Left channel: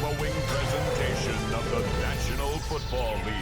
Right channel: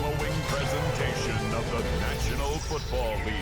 following presentation of the National Football League.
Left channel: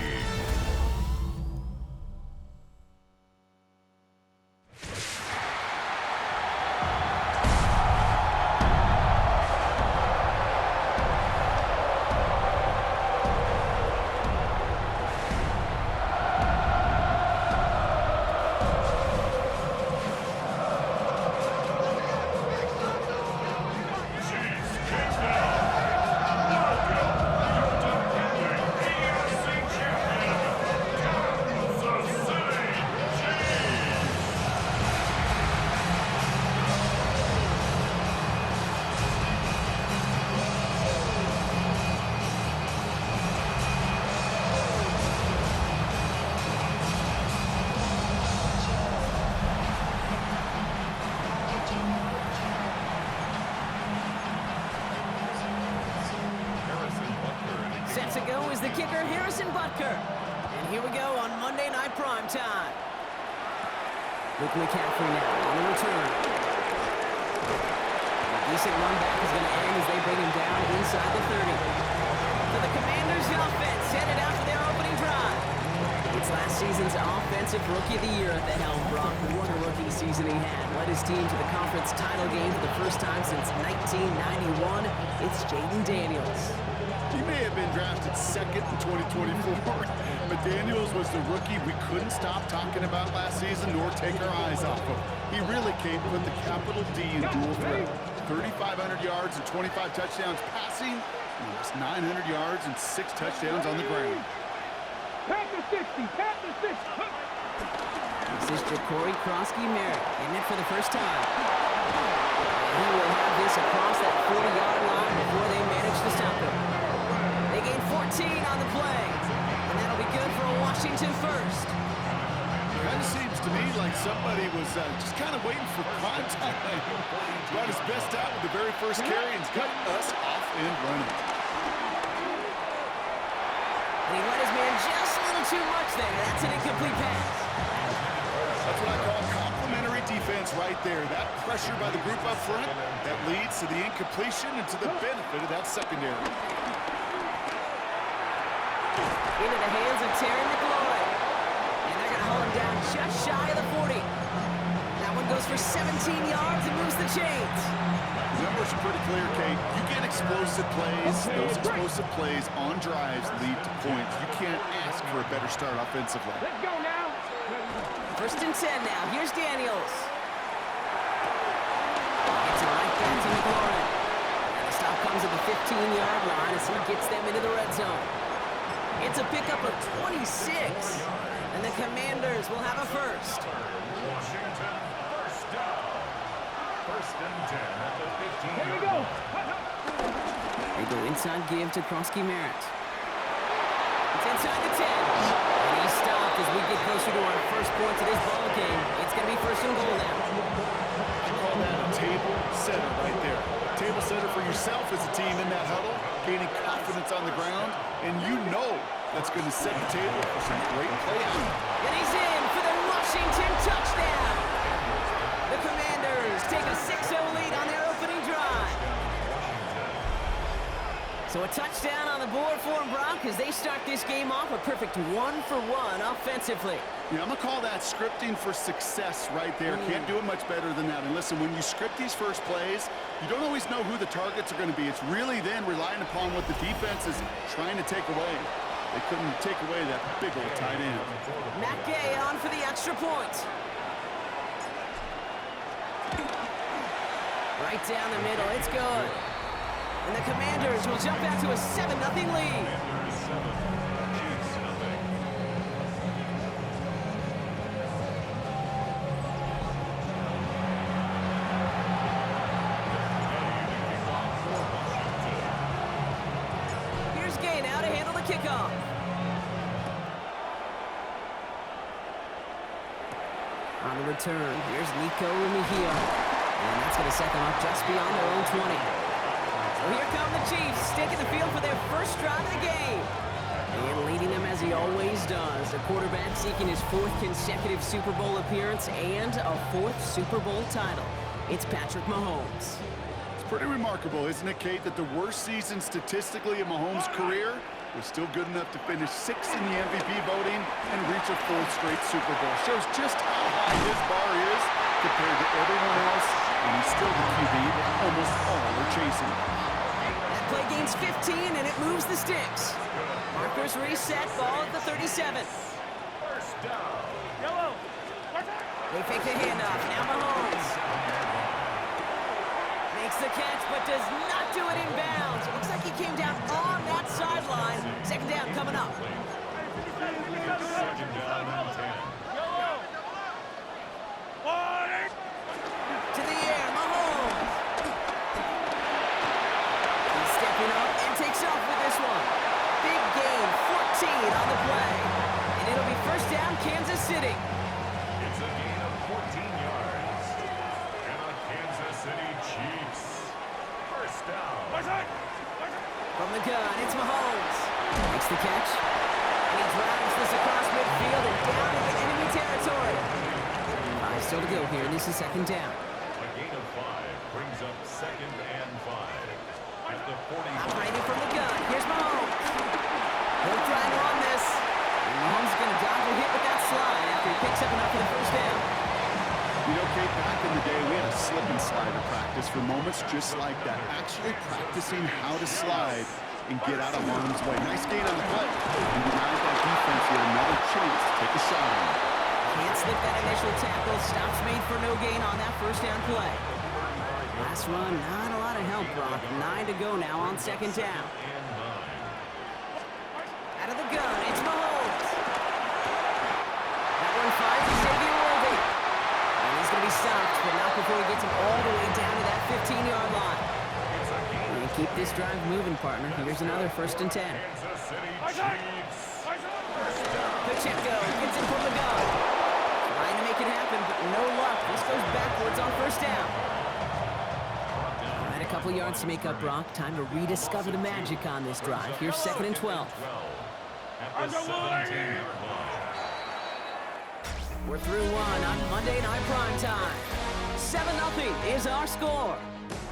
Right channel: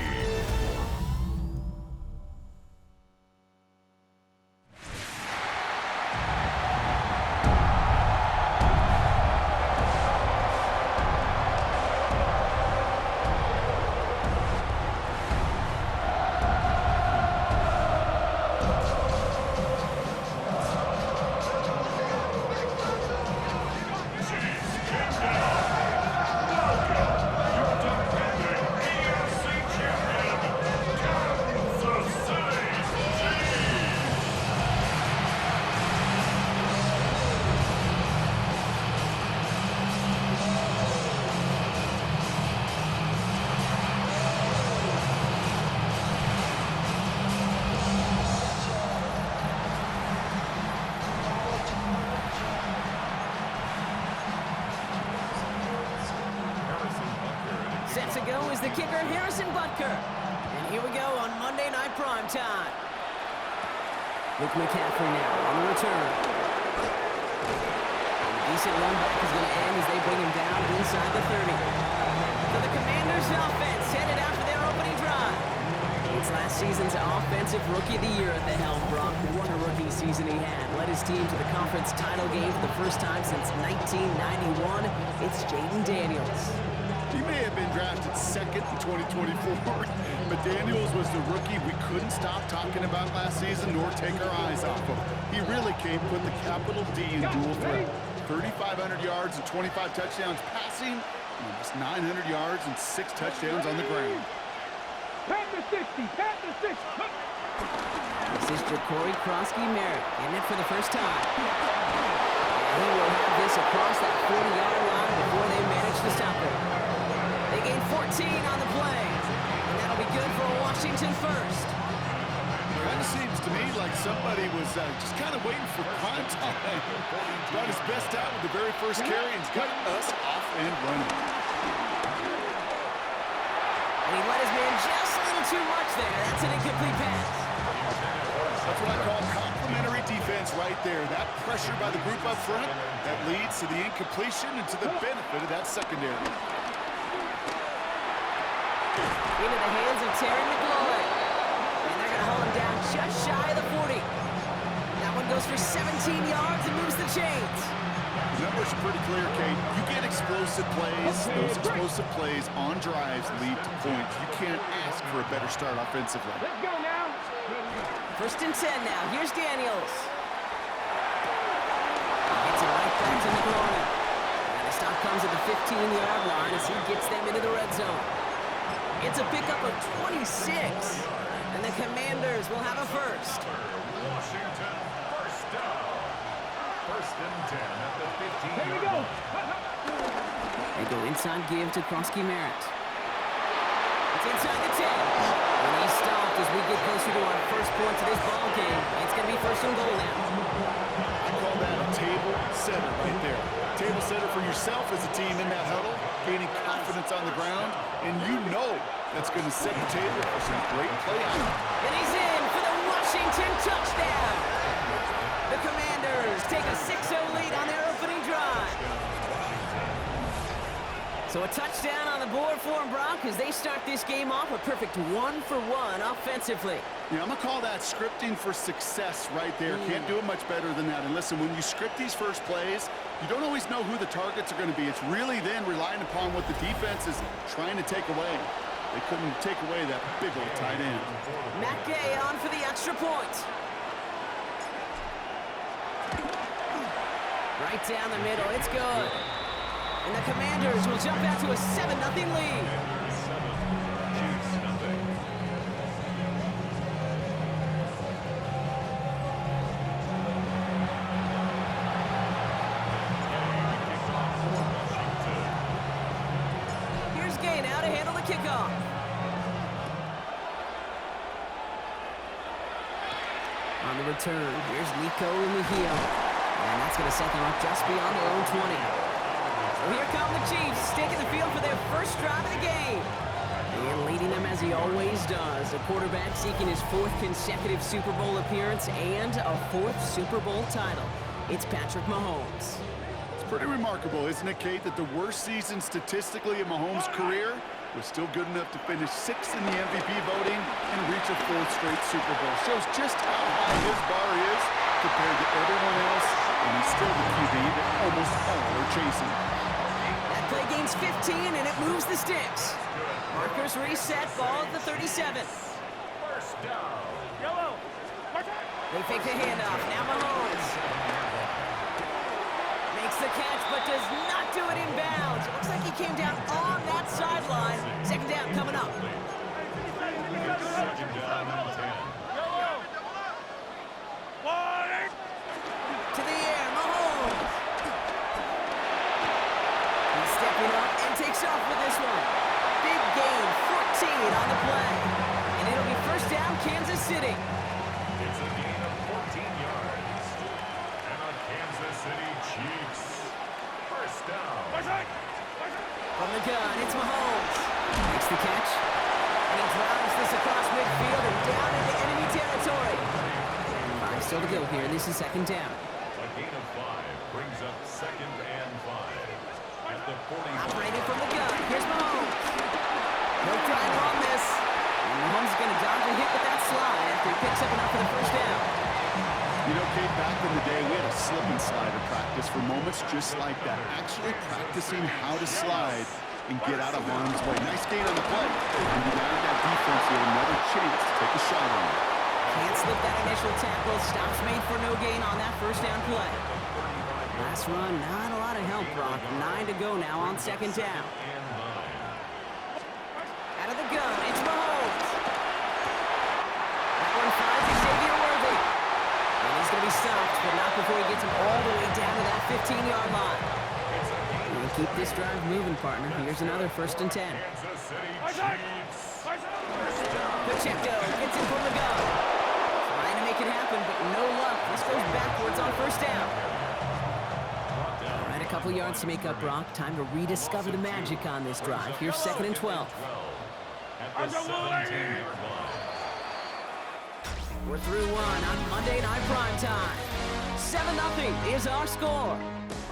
Set to go is the kicker, Harrison Butker. And here we go on Monday Night Primetime. Luke McCaffrey now on the return. And a decent run back is going to end as they bring him down inside the 30. So the Commanders' offense headed out for their opening drive. It's last season's Offensive Rookie of the Year at the helm. Brock, what a rookie season he had. Led his team to the conference title game for the first time since 1991. It's Jaden Daniels. He may have been drafted second in 2024, but Daniels was the rookie we couldn't stop talking about last season nor take our eyes off of. He really came with the capital D in dual threat. 3,500 yards and 25 touchdowns passing, almost 900 yards and 6 touchdowns on the ground. Pat the 60, pat the 60. This is Ja'Cory Krosky-Merritt getting it for the first time. And he will have this across that 40-yard line before they manage to stop him. They gain 14 on the play, and that'll be good for a Washington first. Kind of seems to me like somebody was just kind of waiting for prime time. Brought his best out with the very first carry and got us off and running. And he let his man just a little too much there. That's an incomplete pass. That's what I call complimentary defense right there. That pressure by the group up front, that leads to the incompletion and to the benefit of that secondary. Into the hands of Terry McLaurin. And they're going to hold him down just shy of the 40. That one goes for 17 yards and moves the chains. The numbers are pretty clear, Kate. You get explosive plays. Those explosive plays on drives lead to points. You can't ask for a better start offensively. Let's go now. First and 10 now. Here's Daniels. Gets it right back to McLaurin. And the stop comes at the 15-yard line as he gets them into the red zone. It's a pickup of 26. And the Commanders will have a first. Washington, first down. First and 10 at the 15-yard Here we go. They go inside give to Krosky-Merritt. It's inside the 10. And he's stopped as we get closer to our first points of this ball game. It's going to be first and goal now. I call that a table setter right there. Table setter for yourself as a team in that huddle, gaining confidence on the ground, and you know that's going to set the table for some great play action. And he's in for the Washington touchdown. The Commanders take a 6-0 lead on their opening drive. So a touchdown on the board for them, Brock, as they start this game off a perfect 1-for-1 offensively. Yeah, I'm going to call that scripting for success right there. Can't do it much better than that. And listen, when you script these first plays, you don't always know who the targets are going to be. It's really then relying upon what the defense is trying to take away. They couldn't take away that big old tight end. Matt Gay on for the extra point. Right down the middle, it's good. And the Commanders will jump out to a 7-0 lead. Here's Gay now to handle the kickoff. On the return, here's Nico Mejia. And that's going to set them up just beyond their own 20. So here come the Chiefs, taking the field for their first drive of the game. And leading them as he always does, a quarterback seeking his 4th consecutive Super Bowl appearance and a 4th Super Bowl title. It's Patrick Mahomes. Pretty remarkable, isn't it, Kate, that the worst season statistically in Mahomes' career was still good enough to finish 6th in the MVP voting and reach a 4th straight Super Bowl. Shows just how high his bar is compared to everyone else, and he's still the QB that almost all are chasing. That play gains 15, and it moves the sticks. Markers reset, ball at the 37. First down. Yellow. They fake the handoff. Now Mahomes makes the catch, but does not do it in bounds. It looks like he came down on that sideline. Second down coming up. Second down and 10. Yellow. Warning. To the air, Mahomes. He's stepping up and takes off with this one. Big gain, 14 on the play. And it'll be first down, Kansas City. It's a gain of 14 yards. And a Kansas City Chiefs. First down. From the gun, it's Mahomes. Makes the catch. And he drives this across midfield and down into enemy territory. 5 still to go here. This is second down. A gain of 5 brings up second and 5. At the 40. Operating from the gun. Here's Mahomes. He'll try and run this. And Mahomes is going to dodge a hit with that slide after he picks up enough for the first down. You know, Kate, back in the day, we had a slip and slide at practice for moments just like that. Actually practicing how to slide and get out of harm's way. Nice gain on the play. And denied that defense yet another chance to take a shot on him. Can't slip that initial tackle. Stops made for no gain on that first down play. Last run, not a lot of help, Brock. 9 to go now on second down. Out of the gun, it's Mahomes. That one finds Xavier Worthy. And he's going to be stopped, but not before he gets him all the way down to that 15-yard line. And keep this drive moving, partner. Here's another first and 10. Kansas City Chiefs. Pacheco gets it from the gun. Trying to make it happen, but no luck. This goes backwards on first down. All right, a couple yards to make up, Brock. Time to rediscover the magic on this drive. Here's second and 12. At the 17-yard line. We're through one on Monday Night Primetime. 7-0 is our score.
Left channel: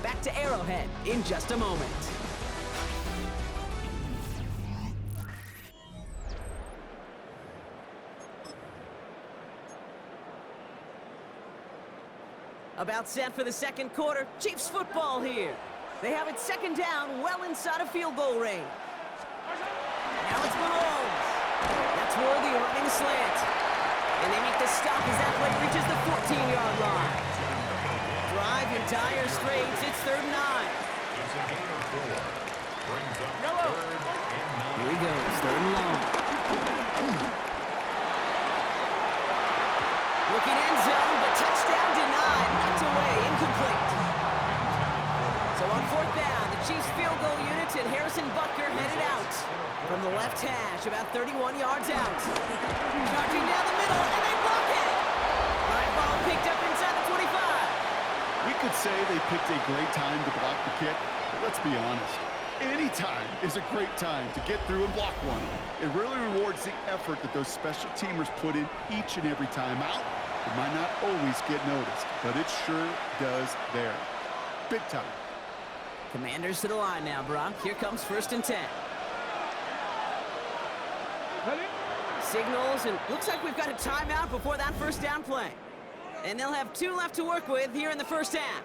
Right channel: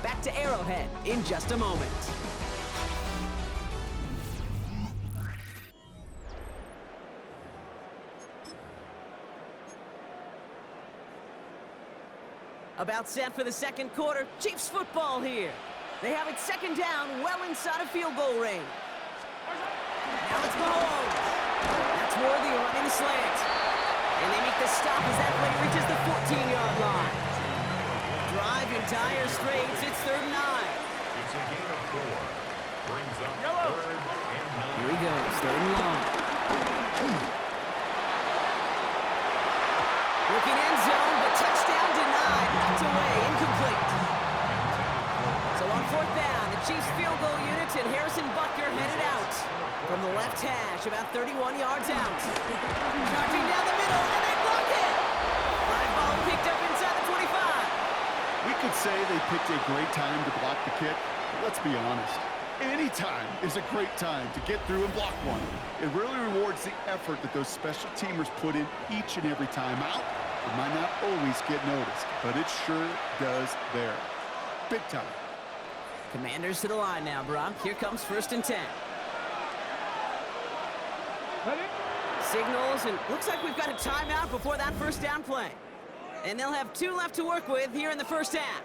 Back to Arrowhead in just a moment. About set for the second quarter. Chiefs football here. They have it second down, well inside of field goal range. Now it's Mahomes. That's Worthy running the slant. And they make the stop as that play reaches the 14-yard line. Drive entire straights. It's third and 9. It's a gain of 4. Brings up third and 9. Here he goes, third and long. Looking end zone, but touchdown denied. Knocked away, incomplete. So on fourth down, the Chiefs field goal unit and Harrison Butker headed out from the left hash, about 31 yards out. Charging down the middle, and they block it. Live ball picked up inside the 25. We could say they picked a great time to block the kick, but let's be honest. Any time is a great time to get through and block one. It really rewards the effort that those special teamers put in each and every time out. It might not always get noticed, but it sure does there. Big time. Commanders to the line now, Brock. Here comes first and 10. Signals, and looks like we've got a timeout before that first down play. And they'll have 2 left to work with here in the first half.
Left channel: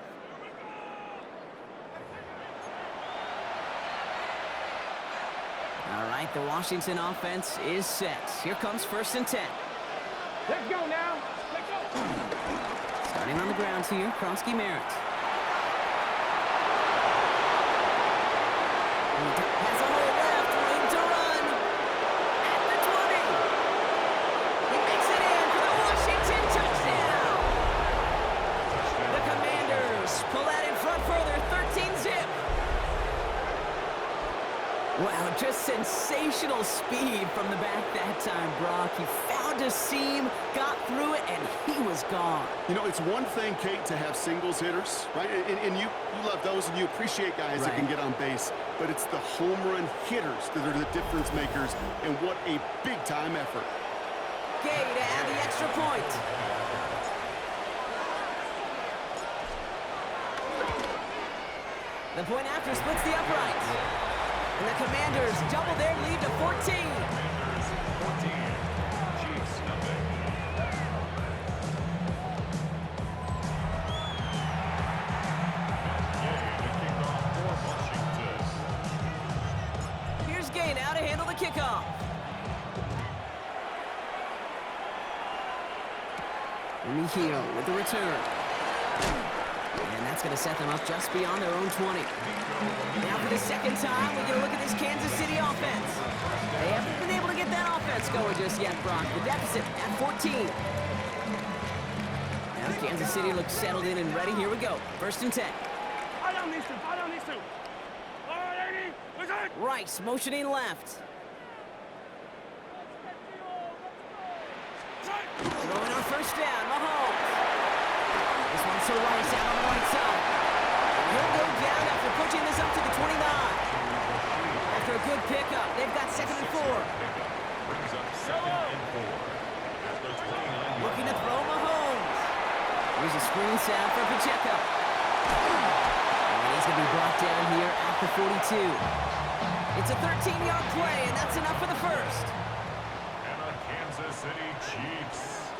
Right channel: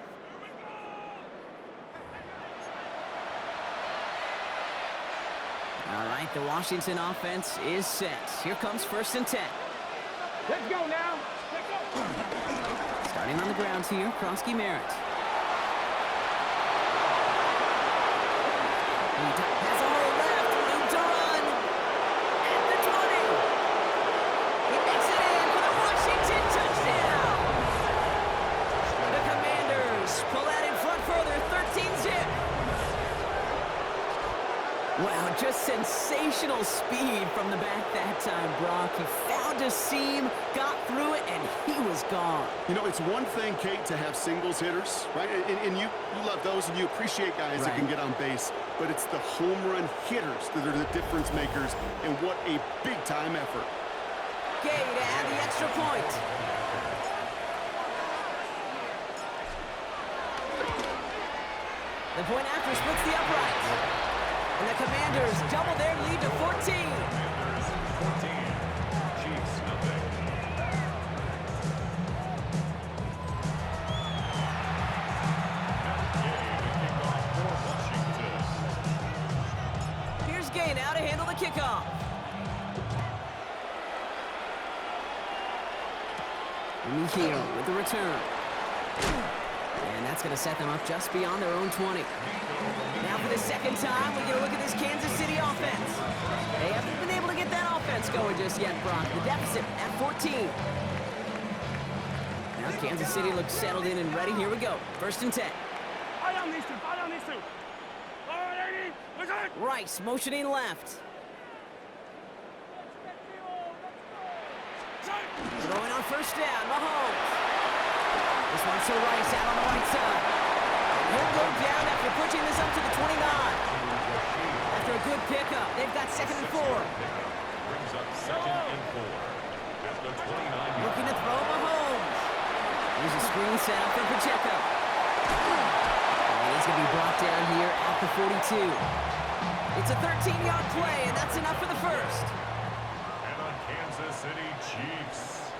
All right, the Washington offense is set. Here comes first and 10. Let's go now. Let's go. Starting on the ground here, Krosky Merritt. He has a hole left, room to run. At the 20. He makes it in for the Washington touchdown. The Commanders pull that in front further, 13-zip. Wow, just sensational speed from the back that time, Brock. He found a seam, got through it, and he was gone. You know, it's one thing, Kate, to have singles hitters, right? And you love those, and you appreciate guys that can get on base. But it's the home run hitters that are the difference makers, and what a big-time effort. Gay to add the extra point. The point after splits the uprights. And the Commanders double their lead to 14. Commanders 14, Chiefs nothing. Gay to kick off for Washington. Here's Gay now to handle the kickoff. Mikio with the return. And that's going to set them up just beyond their own 20. Now for the second time, we get a look at this Kansas City offense. They haven't been able to get that offense going just yet, Brock. The deficit at 14. Now Kansas City looks settled in and ready. Here we go. 1st and 10. Eye on these two. Eye on these two. All right, 80. What's that? Rice motioning left. Throwing on 1st down, Mahomes. This one's to Rice out on the right side. And he'll go down after pushing this up to the 29. After a good pickup, they've got 2nd and 4. Brings up 2nd and 4 at the 29. Looking to throw Mahomes. Here's a screen set up for Pacheco. And he's going to be brought down here at the 42. It's a 13-yard play, and that's enough for the first. And on Kansas City Chiefs.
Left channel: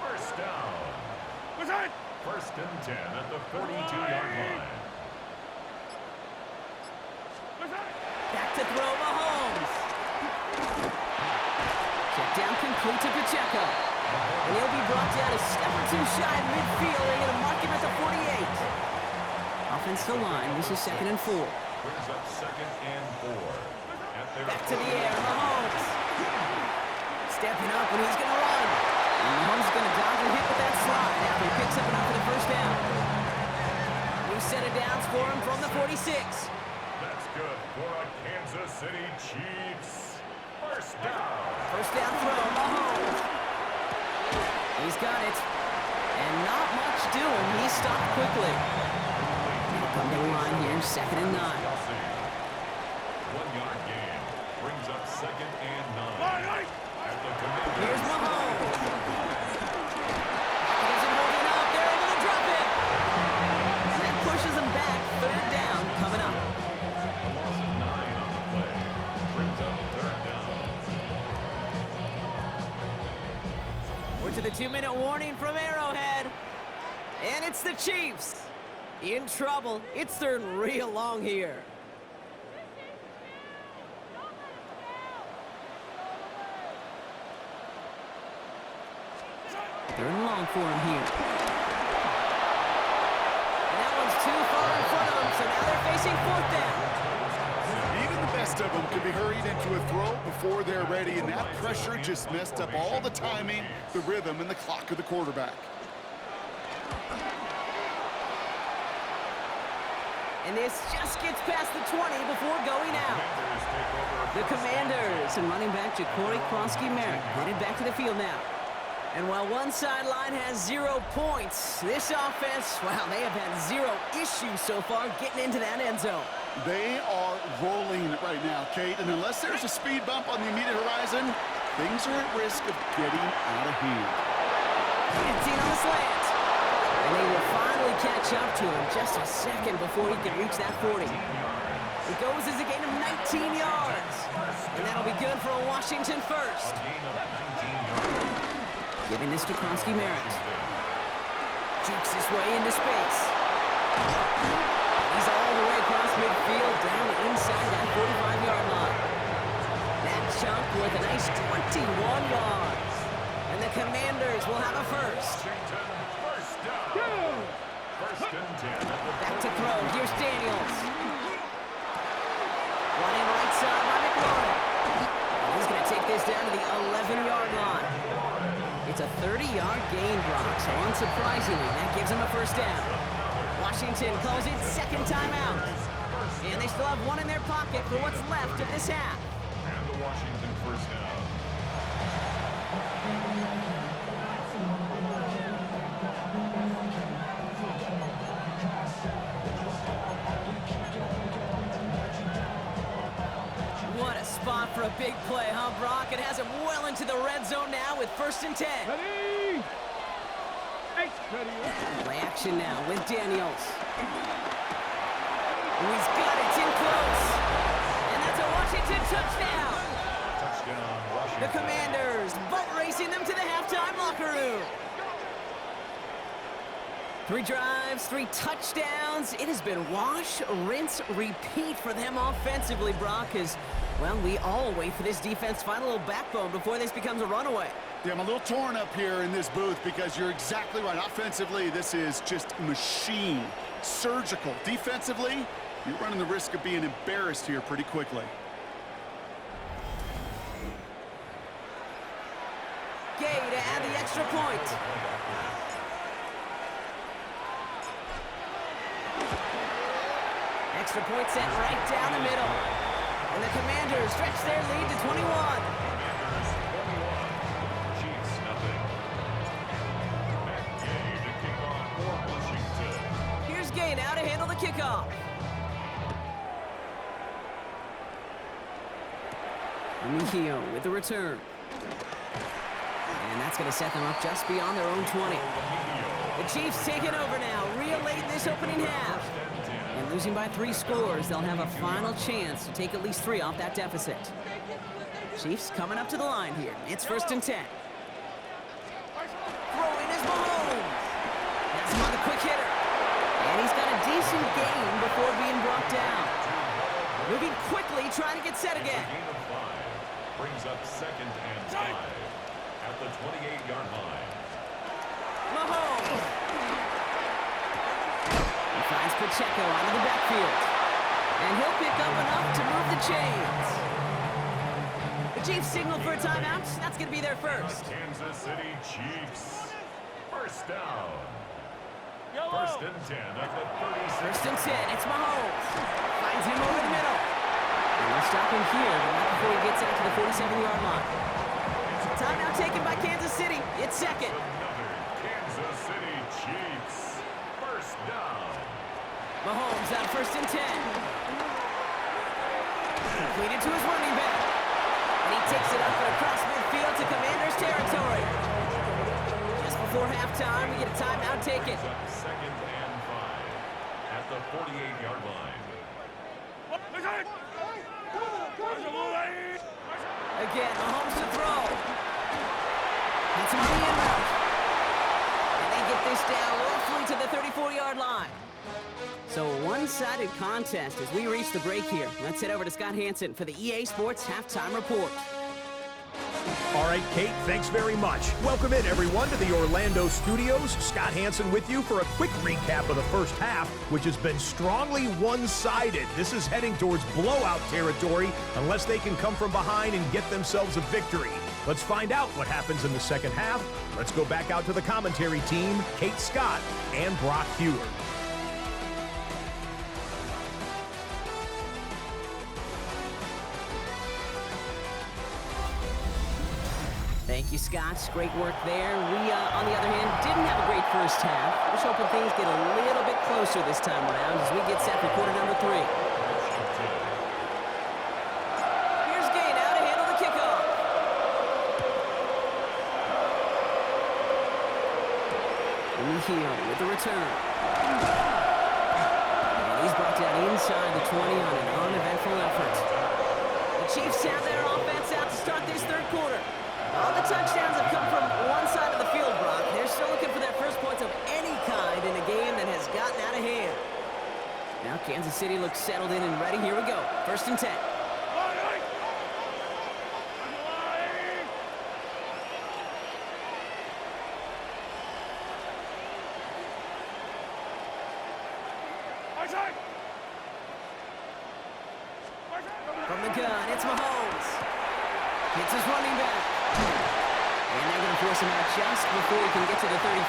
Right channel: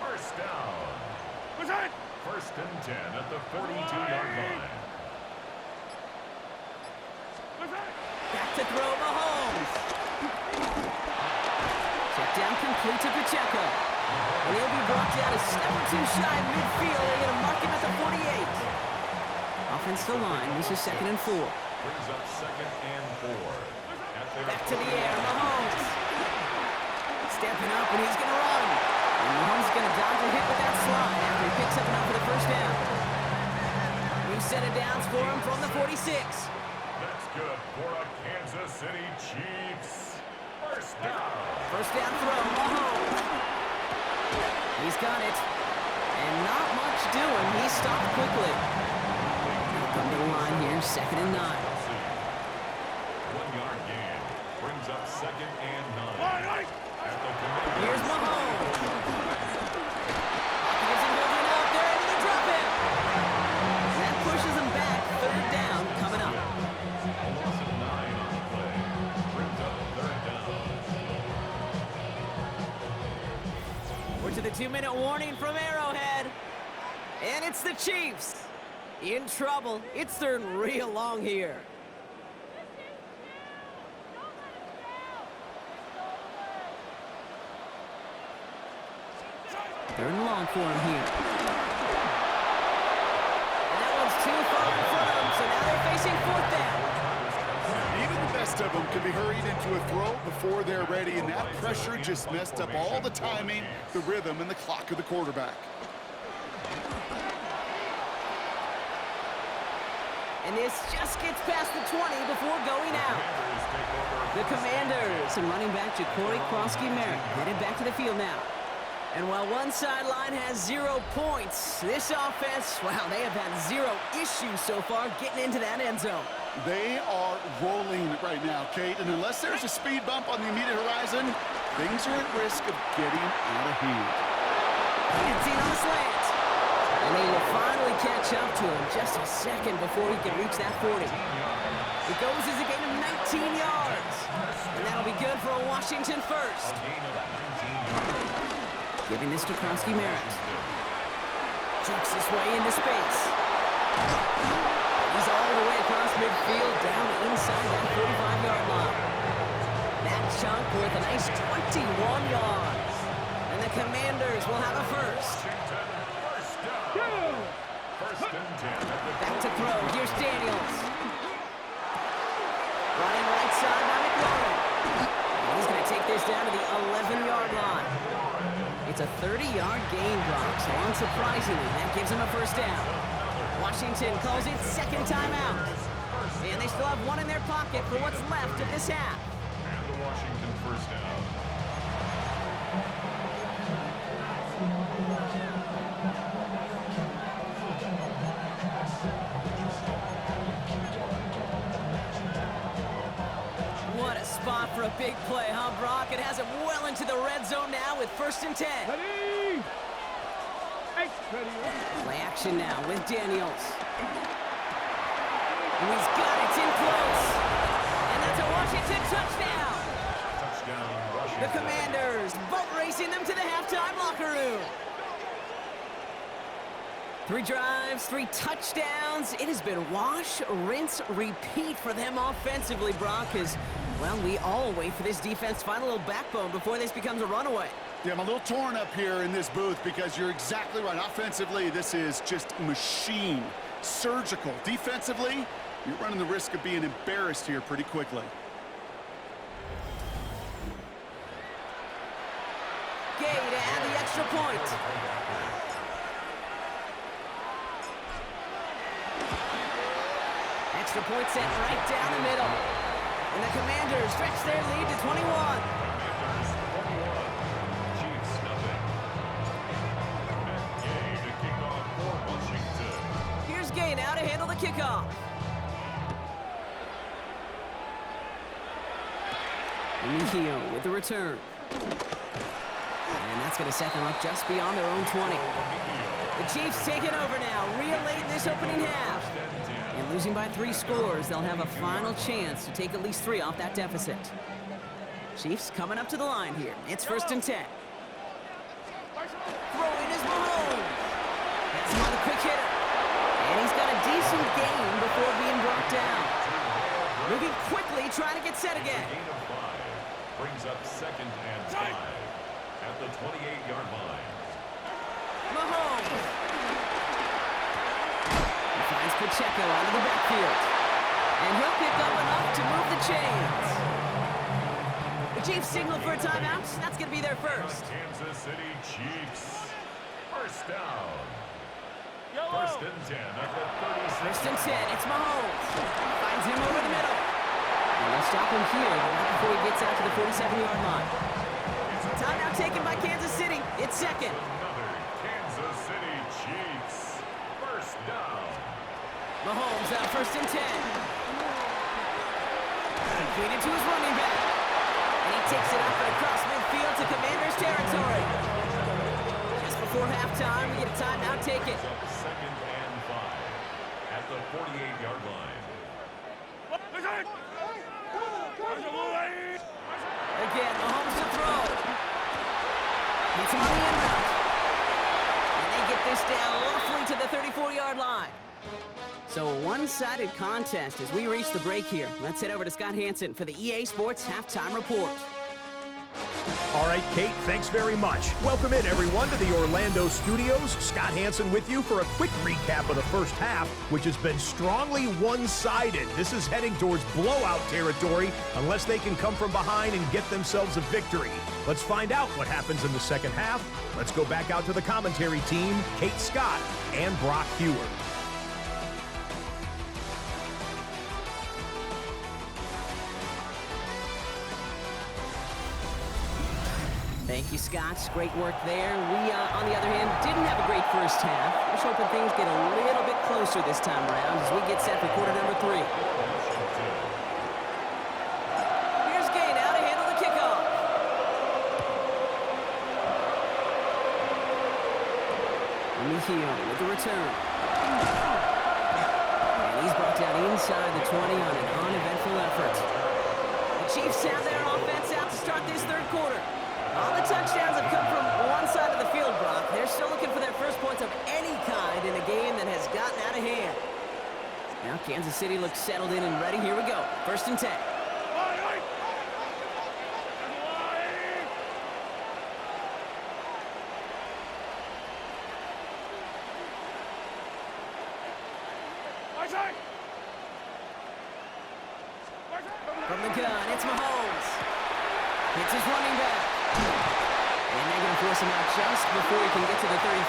1st down. What's that? 1st and 10 at the 42-yard line. What's that? Back to throw Mahomes. Check down complete to Pacheco. And he'll be brought down a step or two shy of midfield. They're going to mark him at the 48. Offensive line, this is 2nd and 4. Brings up 2nd and 4 at their Back to the air, Mahomes. Stepping up, and he's going to run. And Mahomes is going to dodge a hit with that slide after he picks up enough for the 1st down. New set of downs for him from the 46. That's good for a Kansas City Chiefs. 1st down. 1st down throw, Mahomes. He's got it. And not much doing. He stopped quickly. He'll come to the line here, 2nd and 9. 1-yard gain. Brings up 2nd and 9. Right. At the Commanders. Here's Mahomes. Pocket isn't holding up. They're able to drop him. And that pushes him back. 3rd down coming up. A loss of 9 on the play. Brings up 3rd down. We're to the 2-minute warning from Arrowhead. And it's the Chiefs. In trouble. It's 3rd and real long here. Third and long for him here. And that one's too far in front of them, so now they're facing 4th down. Even the best of them can be hurried into a throw before they're ready, and that pressure just messed up all the timing, the rhythm, and the clock of the quarterback. And this just gets past the 20 before going out. The Commanders and running back Ja'Cory Krosky-Merritt headed back to the field now. And while one sideline has 0 points, this offense, wow, they have had 0 issues so far getting into that end zone. They are rolling right now, Kate, and unless there's a speed bump on the immediate horizon, things are at risk of getting out of hand. 15 on the slant. And they will finally catch up to him just a second before he can reach that 40. It goes as a gain of 19 yards. And that'll be good for a Washington first. Giving this to Krosky-Merritt. Jukes his way into space. He's all the way across midfield, down inside that 45-yard line. That chunk worth a nice 21 yards. And the Commanders will have a first. First and 10 at the Back to throw. Here's Daniels. Running right side by McLaurin. And he's going to take this down to the 11-yard line. It's a 30-yard gain, Brock, so unsurprisingly, that gives him a 1st down. Washington calls it 2nd timeout. And they still have 1 in their pocket for what's left of this half. And the Washington 1st down. What a spot for a big play, huh, Brock? It has him well into the red zone now with 1st and 10. Ready. Hey, ready. Play action now with Daniels. He's got it. It's in close. And that's a Washington touchdown. Touchdown, Washington. The Commanders boat racing them to the halftime locker room. 3 drives, 3 touchdowns. It has been wash, rinse, repeat for them offensively, Brock, as, well, we all wait for this defense to find a little backbone before this becomes a runaway. Yeah, I'm a little torn up here in this booth because you're exactly right. Offensively, this is just machine, surgical. Defensively, you're running the risk of being embarrassed here pretty quickly. Gay to add the extra point. Extra point set right down the middle. And the Commanders stretch their lead to 21. Commanders 21, Chiefs nothing. Matt Gay to kick off for Washington. Here's Gay now to handle the kickoff. Mejio with the return. And that's going to set them up just beyond their own 20. The Chiefs taking over now, real late in this opening half. And losing by 3 scores, they'll have a final chance to take at least 3 off that deficit. Chiefs coming up to the line here. It's 1st and 10. Throwing is Mahomes. That's him on the quick hitter. And he's got a decent gain before being brought down. Moving quickly, trying to get set again. Gain of 5 brings up 2nd and 5 at the 28-yard line. Mahomes. He finds Pacheco out of the backfield. And he'll pick up enough to move the chains. The Chiefs signal for a timeout. That's going to be their first. Kansas City Chiefs. First down. 1st and 10 at the 36. 1st and 10. It's Mahomes. Finds him over the middle. And they'll stop him here, but not before he gets out to the 47-yard line. Timeout taken by Kansas City. It's 2nd. Another Kansas City Chiefs. First down. Mahomes out 1st and 10. Completed to his running back. And he takes it up and across midfield to Commanders territory. Just before halftime, we get a timeout taken. Up 2nd and 5 at the 48-yard line. Again, Mahomes to throw. Hits him on the end route. And they get this down roughly to the 34-yard line. So a one-sided contest as we reach the break here. Let's head over to Scott Hansen for the EA Sports Halftime Report. All right, Kate, thanks very much. Welcome in, everyone, to the Orlando studios. Scott Hansen with you for a quick recap of the first half, which has been strongly one-sided. This is heading towards blowout territory unless they can come from behind and get themselves a victory. Let's find out what happens in the second half. Let's go back out to the commentary team, Kate Scott and Brock Heward. Thank you, Scott. Great work there. We, on the other hand, didn't have a great first half. We're just hoping things get a little bit closer this time around as we get set for quarter number 3. Here's Gay now to handle the kickoff. Mejio with the return. And he's brought down inside the 20 on an uneventful effort. The Chiefs have their offense out to start this 3rd quarter. All the touchdowns have come from one side of the field, Brock. They're still looking for their first points of any kind in a game that has gotten out of hand. Now Kansas City looks settled in and ready. Here we go. 1st and 10. From the gun, it's Mahomes. Hits his running back. And they're going to force him out just before he can get to the 35.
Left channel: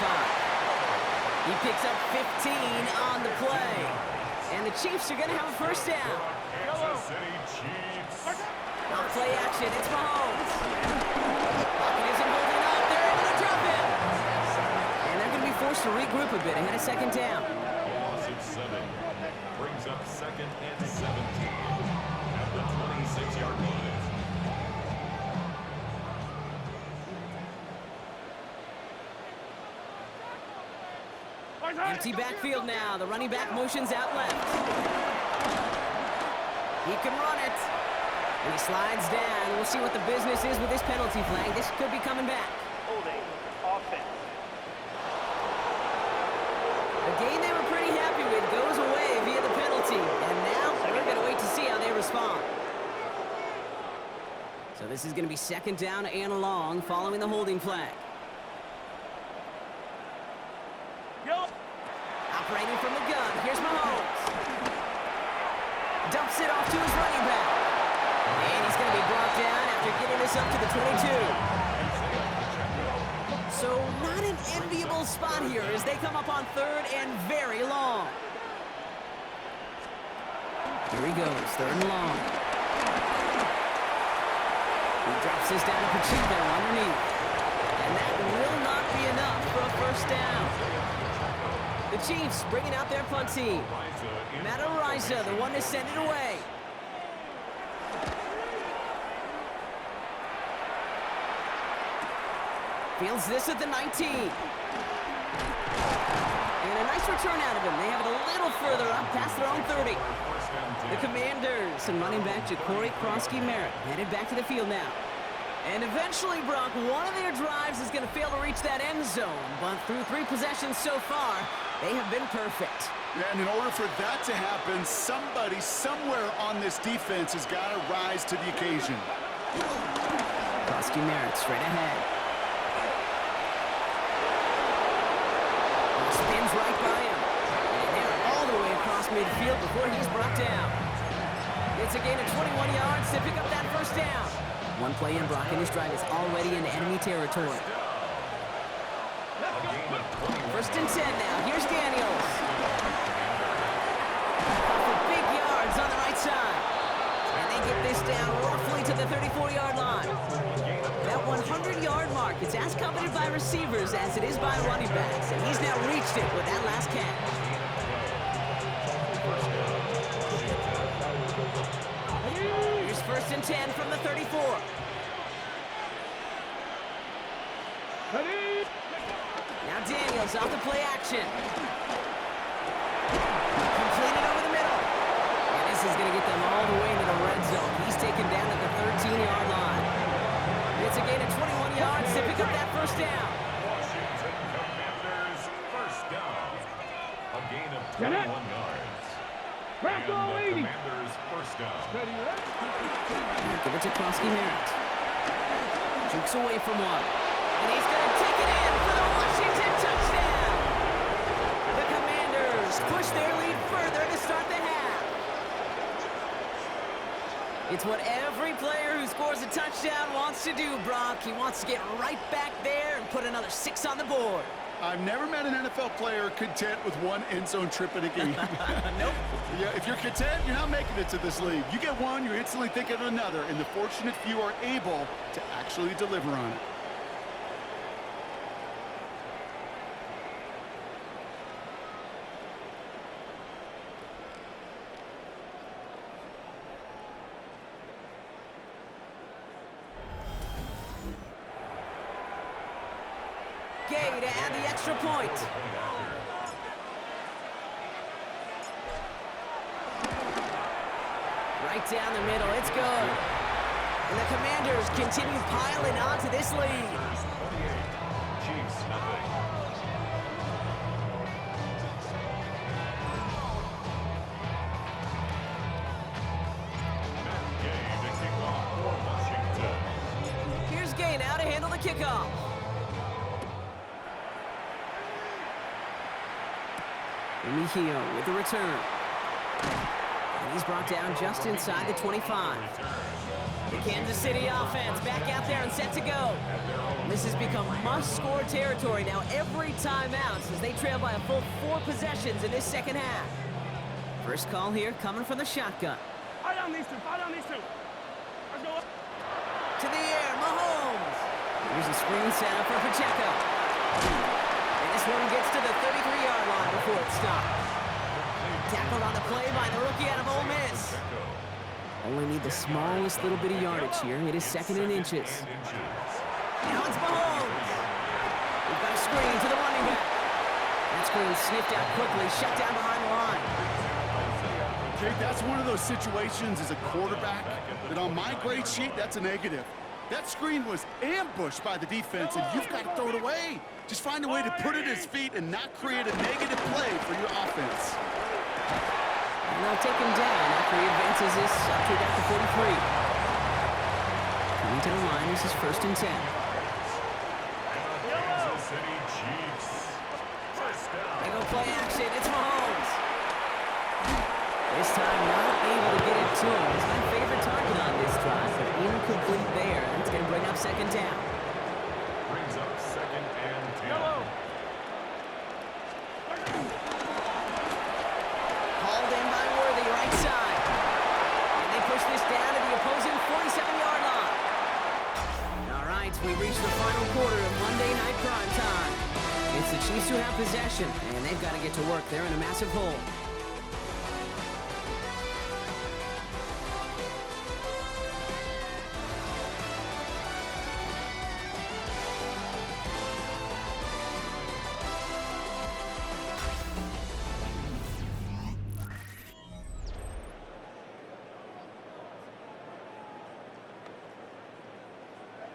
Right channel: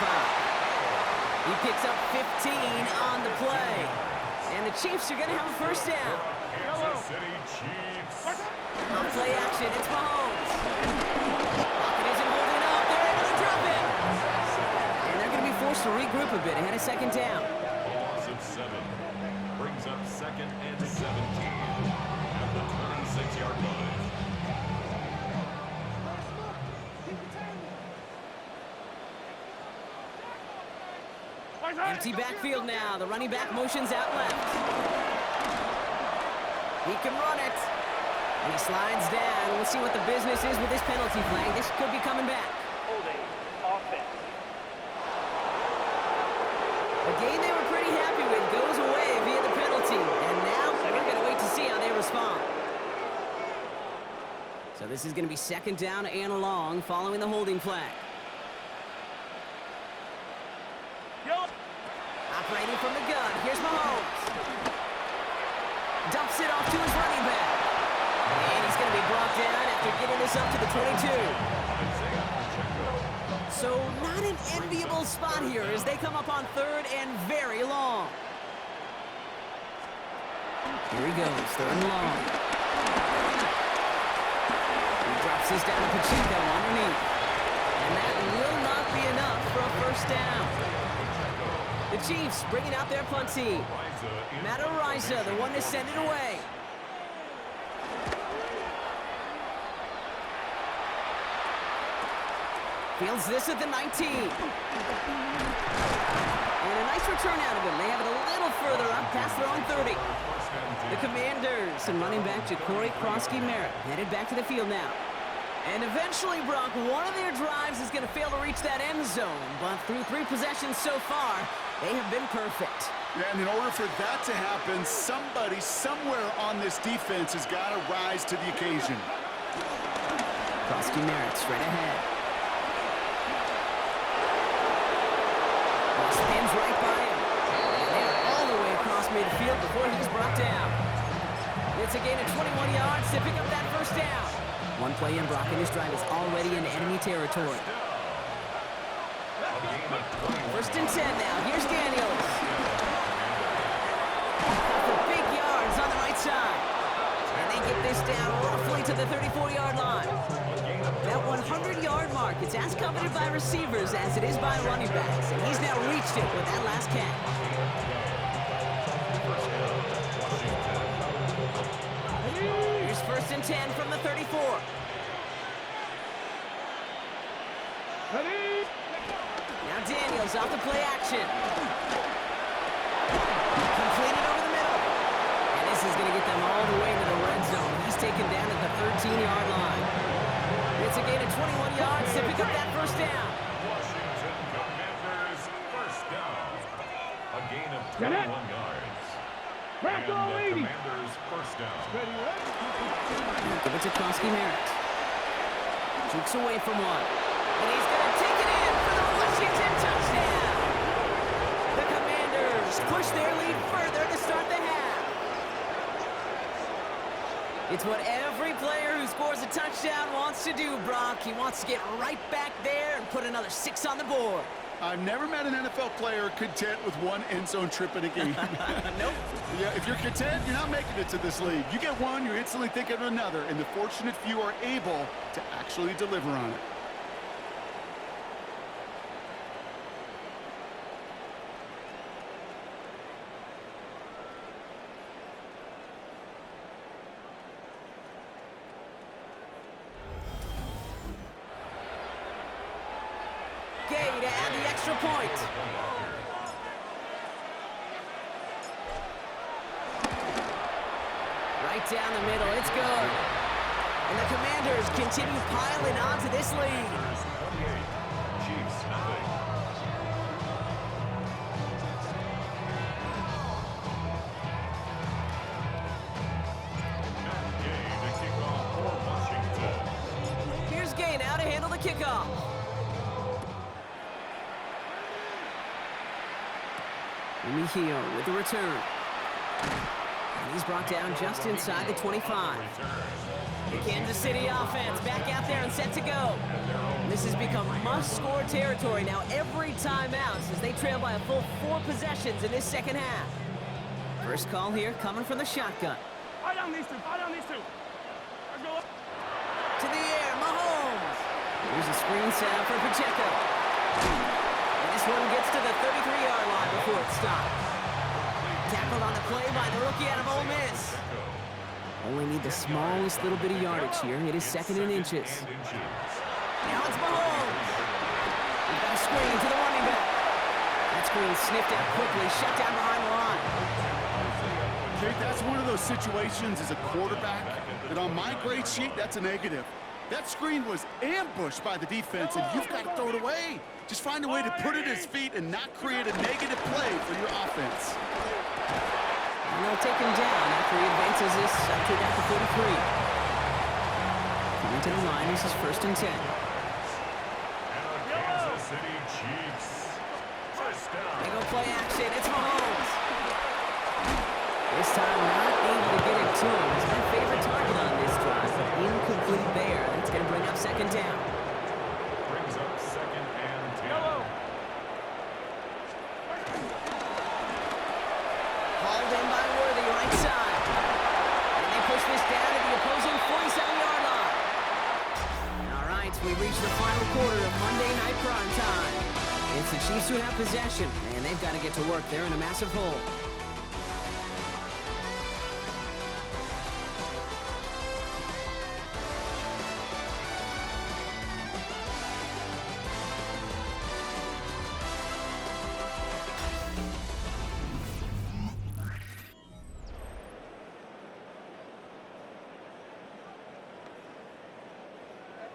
He picks up 15 on the play. And the Chiefs are going to have a first down. Kansas City Chiefs. On play action, it's Mahomes. Pocket isn't holding up. They're able to drop him. And they're going to be forced to regroup a bit ahead of 2nd down. A loss of 7 brings up 2nd and 17 at the 26-yard line. Empty backfield now. The running back motions out left. He can run it. And he slides down. We'll see what the business is with this penalty flag. This could be coming back. Holding offense. A game they were pretty happy with goes away via the penalty. And now we're going to wait to see how they respond. So this is going to be second down and long following the holding flag. Yo. Operating from the gun. Here's Mahomes. Dumps it off to his running back. And he's going to be brought down after getting this up to the 22. So not an enviable spot here as they come up on third and very long. Here he goes, third and long. He drops this down to Pacheco underneath. And that will not be enough for a first down. The Chiefs bringing out their punt team. Madden, the one to send it away. Fields this at the 19. And a nice return out of him. They have it a little further up past their own 30. The Commanders and running back Ja'Cory Krosky-Merritt headed back to the field now. And eventually, Brock, one of their drives is going to fail to reach that end zone. But through 3 possessions so far, they have been perfect. Yeah, and in order for that to happen, somebody somewhere on this defense has got to rise to the occasion. Krosky-Merritt straight ahead. Spins right by him. And they're all the way across midfield before he's brought down. It's a gain of 21 yards to pick up that first down. One play in, Brock, and this drive is already in enemy territory. First and 10 now. Here's Daniels. For big yards on the right side. And they get this down roughly to the 34-yard line. That 100-yard mark, it's as coveted by receivers as it is by running backs. And he's now reached it with that last catch. Here's first and 10 from the 34. Now Daniels off the play action. Completed over the middle. And this is going to get them all the way into the red zone. He's taken down at the 13-yard line. It's a gain of 21 yards to pick up that first down. Washington Commanders first down. A gain of 21 yards. And the Commanders first down. Give it to Krosky-Merritt. Jukes away from one. And he's going to take it in for the Washington touchdown. The Commanders push their lead further to start the half. It's what every player who scores a touchdown wants to do, Brock. He wants to get right back there and put another 6 on the board. I've never met an NFL player content with one end zone trip in a game. Nope. Yeah, if you're content, you're not making it to this league. You get one, you're instantly thinking of another, and the fortunate few are able to actually deliver on it. Gay to add the extra point. Right down the middle, it's good. And the Commanders continue piling on to this lead. 28, Chiefs nothing. And Gay to kick off for Washington. Here's Gay now to handle the kickoff. Mejio with the return. And he's brought down just inside the 25. The Kansas City offense back out there and set to go. This has become must-score territory now every time out as they trail by a full 4 possessions in this second half. First call here coming from the shotgun. Fire down these two. Fire down these two. Let's go up. To the air, Mahomes. Here's a screen set up for Pacheco. And this one gets to the 33-yard line before it stops. Tackled on the play by the rookie out of Ole Miss. Only need the smallest little bit of yardage here. It is second and inches. Now it's Mahomes. We've got a screen to the running back. That screen sniffed out quickly, shut down behind the line. Kate, that's one of those situations as a quarterback that on my grade sheet, that's a negative. That screen was ambushed by the defense, and you've got to throw it away. Just find a way to put it at his feet and not create a negative play for your offense. And they'll take him down after he advances this up to about the 43. Coming to the line, this is 1st and 10. And the Kansas City Chiefs. First down. They go play action. It's Mahomes. This time not able to get it to him. He's my favorite target on this drive, but incomplete there. That's going to bring up 2nd down. Brings up 2nd and 10. Hauled in by Worthy, right side. And they push this down to the opposing 47-yard line. All right, we reach the final quarter of Monday Night Primetime. It's the Chiefs who have possession, and they've got to get to work. They're in a massive hole.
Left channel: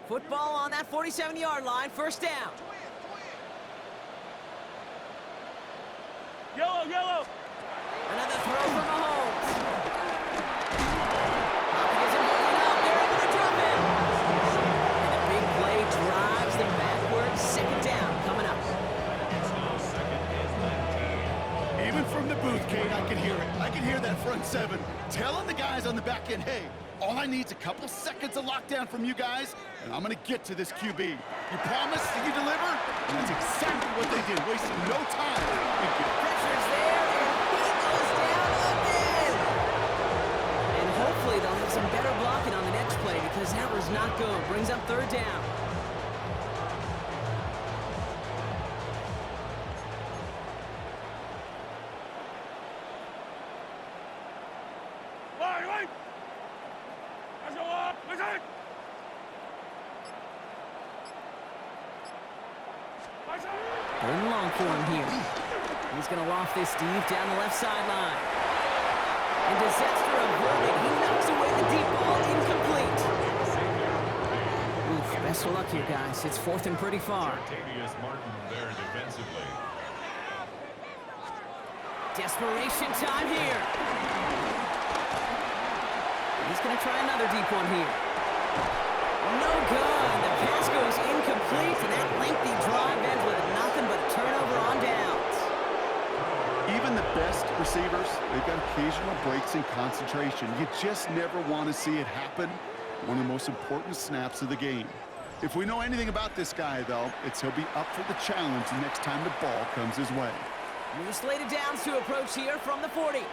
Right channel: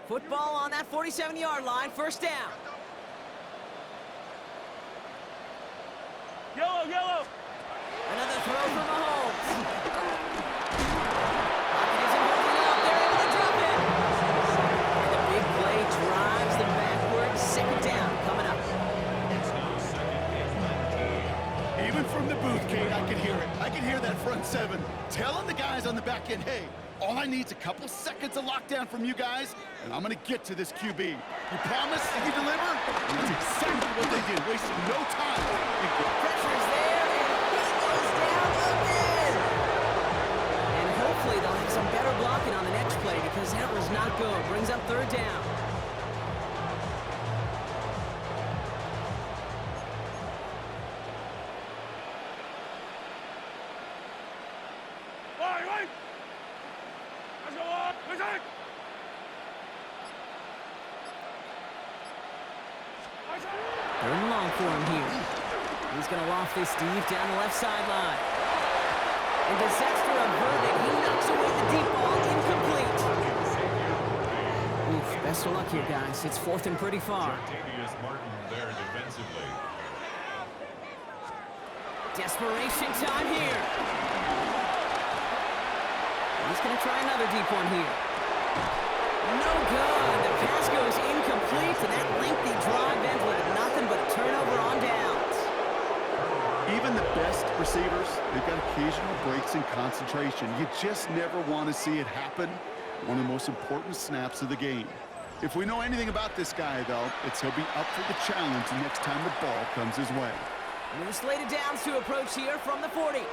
Football on that 47-yard line, 1st down. Yellow. Another throw for Mahomes. Pocket isn't holding up. They're able to drop him. And the big play drives them backwards. 2nd down coming up. It's now 2nd and 19. Even from the booth, Kate, I can hear it. I can hear that front 7 telling the guys on the back end, hey, all I need is a couple seconds of lockdown from you guys, and I'm going to get to this QB. You promise and you deliver? And that's exactly what they did, wasting no time. Pressure's there, and he goes down again. And hopefully they'll have some better blocking on the next play because that was not good. Brings up 3rd down. Wait. Listen. Third and long for him here. He's going to loft this deep down the left sideline. And disaster averted. He knocks away the deep ball, incomplete. Oof, best of luck here, guys. It's 4th and pretty far. Jartavius Martin there defensively. Desperation time here. He's going to try another deep one here. No good. The pass goes incomplete, and that lengthy drive ends with nothing but a turnover on downs. Even the best receivers, they've got occasional breaks in concentration. You just never want to see it happen. One of the most important snaps of the game. If we know anything about this guy, though, it's he'll be up for the challenge the next time the ball comes his way. New slated downs to approach here from the 40.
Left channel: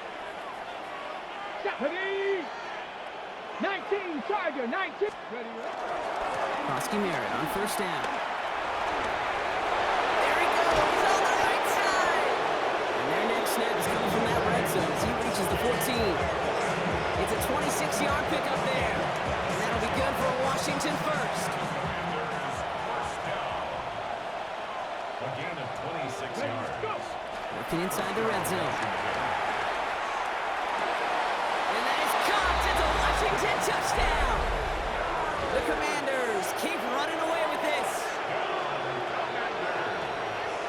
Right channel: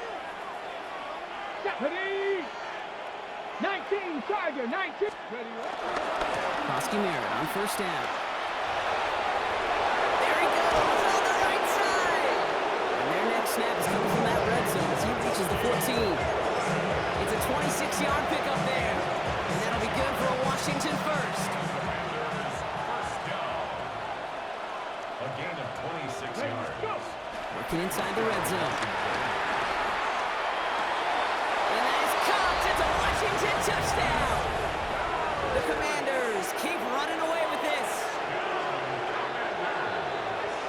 Ready? 19, Tiger, 19. Ready, Bosky Merritt on 1st down. There he goes on the right side. And their next snap is coming from that red zone as he reaches the 14. It's a 26-yard pickup there. And that'll be good for a Washington first. Commanders first down. A gain of 26 yards. Working inside the red zone. And that is caught. It's a Washington touchdown. The Commanders keep running away with this.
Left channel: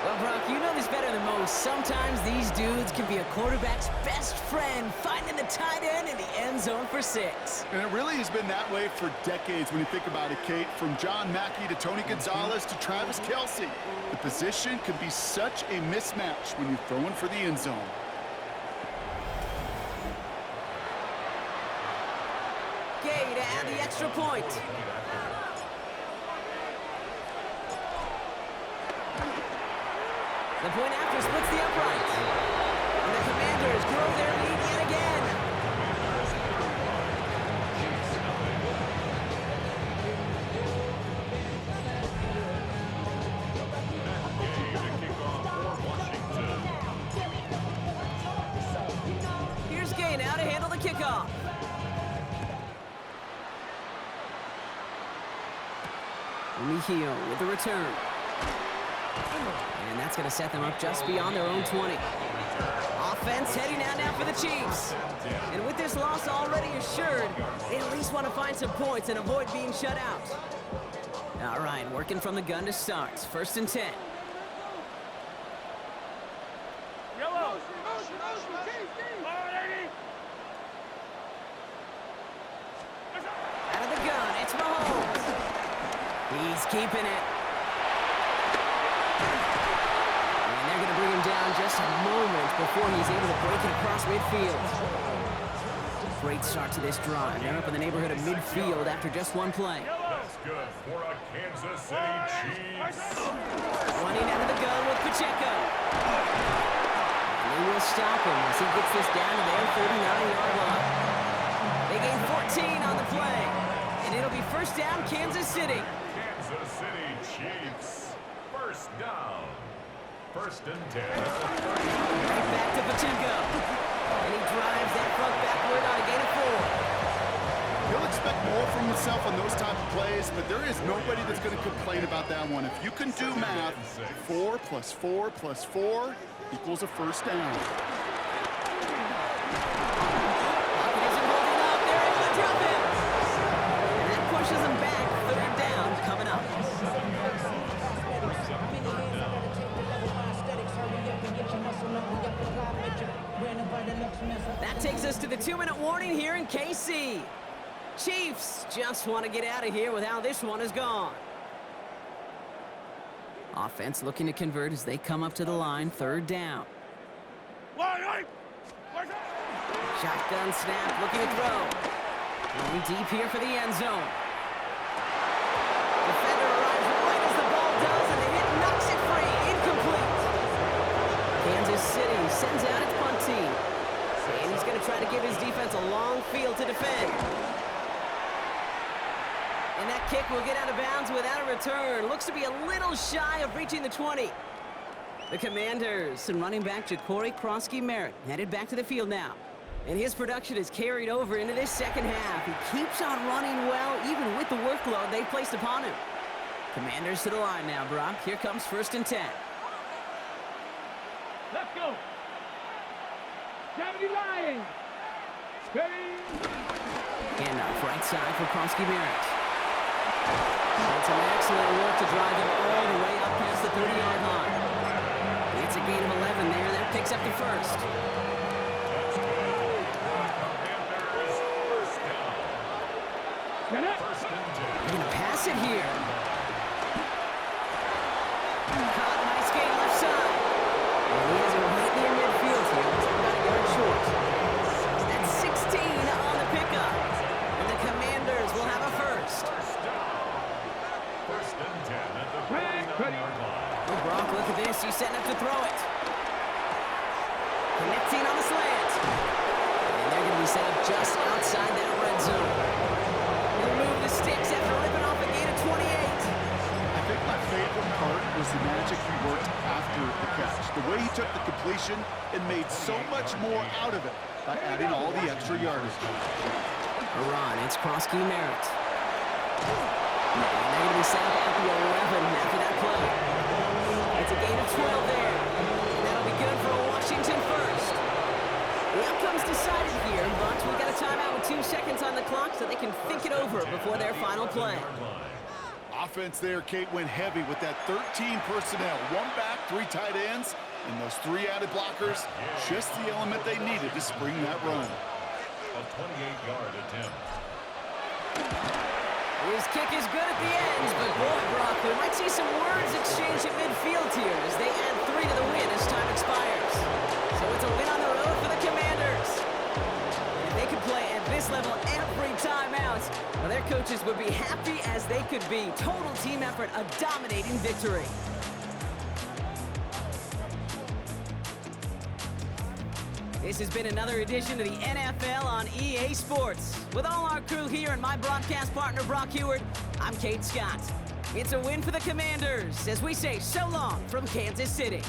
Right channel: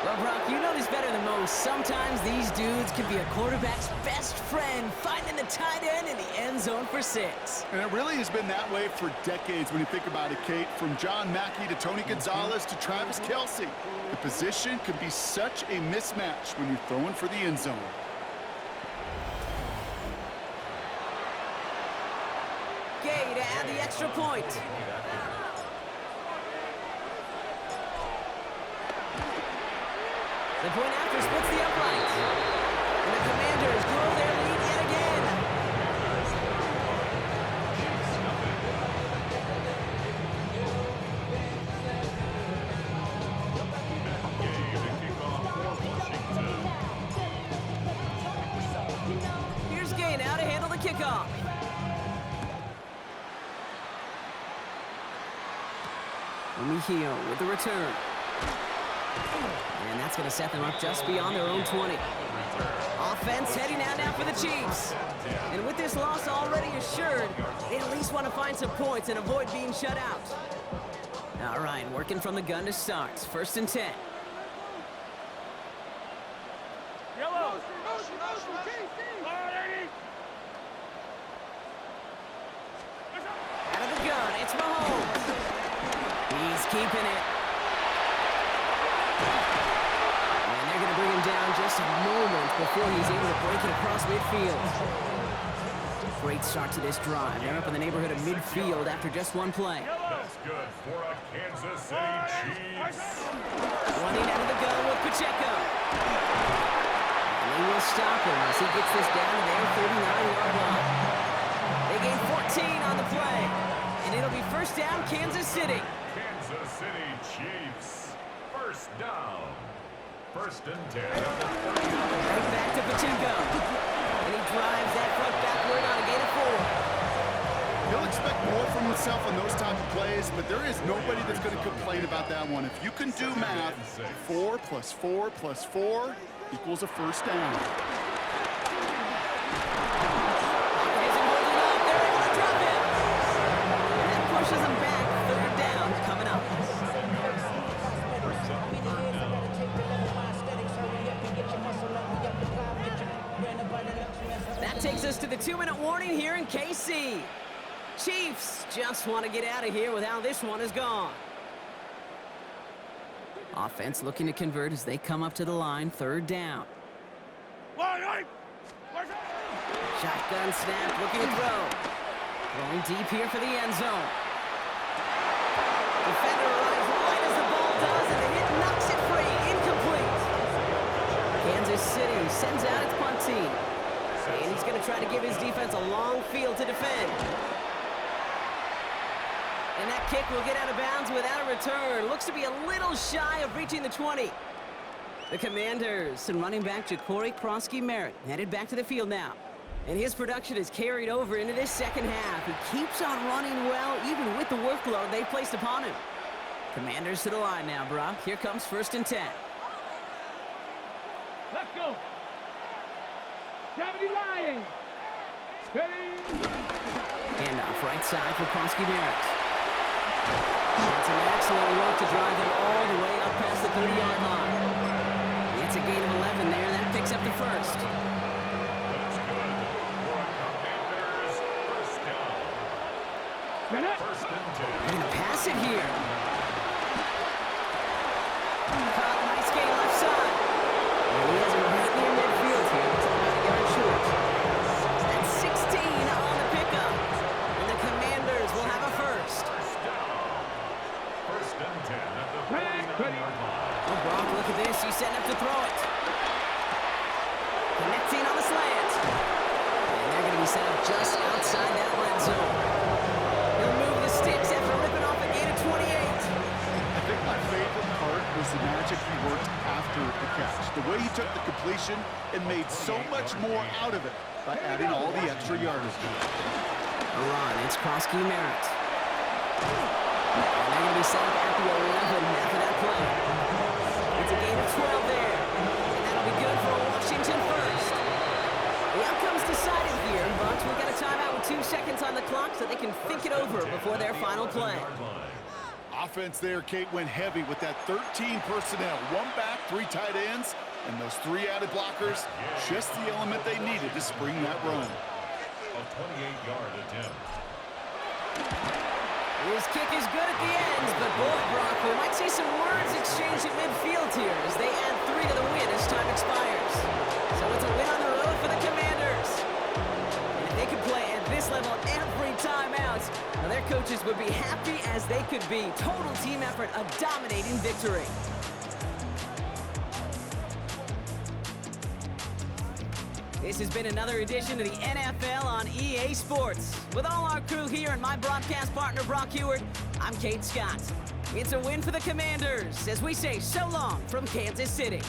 Well, Brock, you know this better than most. Sometimes these dudes can be a quarterback's best friend, finding the tight end in the end zone for 6. And it really has been that way for decades when you think about it, Kate. From John Mackey to Tony Gonzalez to Travis Kelce. The position can be such a mismatch when you're throwing for the end zone. Gay to add the extra point. The point after splits the upright. And the Commanders grow their lead yet again. Commanders 31. Chiefs nothing. Gay to kick off for Washington. Here's Gay now to handle the kickoff. Mejio with the return. And that's going to set them up just beyond their own 20. Offense heading out now for the Chiefs. And with this loss already assured, they at least want to find some points and avoid being shut out. All right, working from the gun to start. 1st and 10. Yellow. Alrighty. Out of the gun, it's Mahomes. He's keeping it. And they're going to bring him down just a moment before he's able to break it across midfield. Great start to this drive. They're up in the neighborhood of midfield after just one play. That's good for a Kansas City Chiefs. Running out of the gun with Pacheco. And they will stop him as he gets this down to their 39-yard line. They gain 14 on the play. And it'll be 1st down, Kansas City. Kansas City Chiefs. 1st down. 1st and 10 at the 39. Right back to Pacheco. And he drives that front backward on a gain of 4. He'll expect more from himself on those type of plays, but there is nobody that's going to complain about that one. If you can do math, 4 + 4 + 4 equals a 1st down. Pocket isn't holding up. They're able to drop him. And that pushes him back. 3rd down coming up. That takes us to the 2-minute warning here in KC. Chiefs just want to get out of here with how this one is gone. Offense looking to convert as they come up to the line. 3rd down. Shotgun snap, looking to throw. Going deep here for the end zone. Defender arrives right as the ball does, and the hit knocks it free. Incomplete. Kansas City sends out its punt team. And he's going to try to give his defense a long field to defend. And that kick will get out of bounds without a return. Looks to be a little shy of reaching the 20. The Commanders and running back Ja'Cory Krosky-Merritt headed back to the field now. And his production is carried over into this 2nd half. He keeps on running well, even with the workload they've placed upon him. Commanders to the line now, Brock. Here comes 1st and 10. Let's go. 70 Lions. Ready. Handoff right side for Krosky-Merritt. And some excellent work to drive them all the way up past the 30-yard line. It's a gain of 11 there. That picks up the 1st. That's good for a Commanders 1st down. 1st and 10. They're going to pass it here. Caught, nice gain left side. And he has it right near midfield here. It's about a yard short. That's 16 on the pickup. And the Commanders will have a 1st. 1st down. 1st and 10 at the 49-yard line. Well, Brock, look at this. He's setting up to throw it. Connecting on the slant. And they're going to be set up just outside that red zone. He'll move the sticks after ripping off a gain of 28. I think my favorite part was the magic he worked after the catch. The way he took the completion and made so much more out of it by adding all the extra yardage. A run, it's Krosky-Merritt. And they're going to be set up at the 11 after that play. It's a gain of 12 there. And that'll be good for a Washington 1st. The outcome's decided here, but we got a timeout with 2 seconds on the clock so they can think it over before their final play. Offense there, Kate, went heavy with that 13 personnel. 1 back, 3 tight ends, and those 3 added blockers. Just the element they needed to spring that run. A 28-yard attempt. His kick is good at the ends, but boy, Brock, we might see some words exchanged at midfield here as they add 3 to the win as time expires. So it's a win on the road for the Commanders. And if they could play at this level every time out, well, their coaches would be happy as they could be. Total team effort, a dominating victory. This has been another edition of the NFL on EA Sports. With all our crew here and my broadcast partner, Brock Heward, I'm Kate Scott. It's a win for the Commanders as we say so long from Kansas City.